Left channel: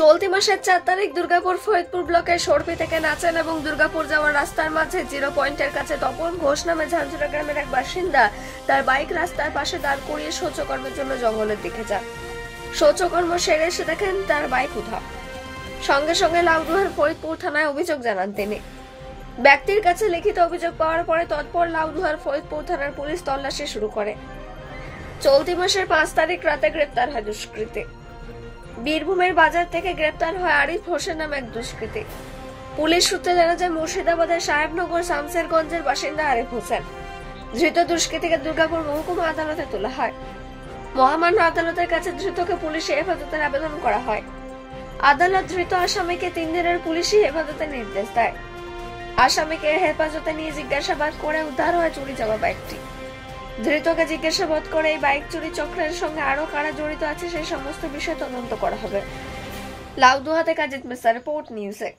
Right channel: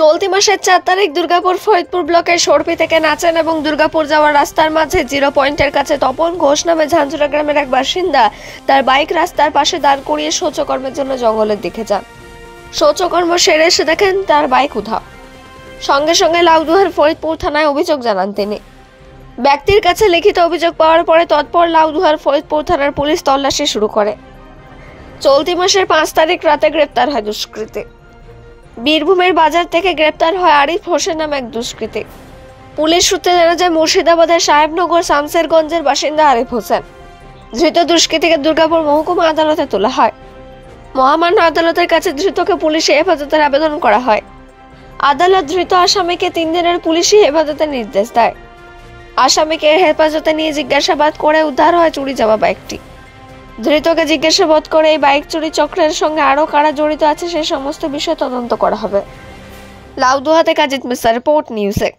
চলতি মাসের 4 তারিখ দুর্গাপুর ফরিদপুর ব্লকের সরপি থেকে নাচেন এবং দুর্গাপুর যাওয়ার রাস্তার মাঝে 0 পয়েন্টের কাছে তপন ঘোষ নামে ঝাঁঝরা গ্রামের এক বাসিন্দা তার বাইক রাস্তার পাশে দাঁড় করিয়ে শৌচকর্মের জন্য জঙ্গলের দিকে যান। শৌচকর্ম সেরে এসে দেখেন তার বাইক উধাও। সঙ্গে সঙ্গে লাউদুহার ফরিদপুর থানায় অভিযোগ জানান তিনি। ব্যক্তির কাছে লিখিত অভিযোগ পাওয়ার পরে তৎপর লাউদুহার ফরিদপুর থানার পুলিশ তল্লাশি শুরু করে। চলতি মাসের 5 তারিখ রাতে গ্রেপ্তার হয় দুষ্কৃতী। বীরভূমের বাজার থেকে গ্রেপ্তার হয় আরিফ হোসেন নামে এক দুষ্কৃতী। পুলিশ সূত্রে জানা যায় মুর্শিদাবাদের সাহেবনগর শামসেরগঞ্জের বাসিন্দা আরিফ হোসেন। ধৃত দুষ্কৃতীকে দুর্গাপুর মহকুমা আদালতে তোলা হয়। মহামান্য আদালতের কাছে ধৃতকে পুলিশি হেফাজতের আবেদন করা হয়। আদালত ধৃত আসামিকে 3 দিনের পুলিশি হেফাজতের নির্দেশ দেয়। আসামিকে হেফাজতে নিয়ে জিজ্ঞাসাবাদ করে উদ্ধার হয় চুরি যাওয়া বাইকটি। ধৃতকে জিজ্ঞাসাবাদ করে এই বাইক চুরি চক্রের সঙ্গে আরো কারা জড়িত আছে সেই সমস্ত বিষয় তদন্ত করা হবে। লাউদুহা থেকে আজিত মিশ্রা, রিপোর্ট নিউজ 1।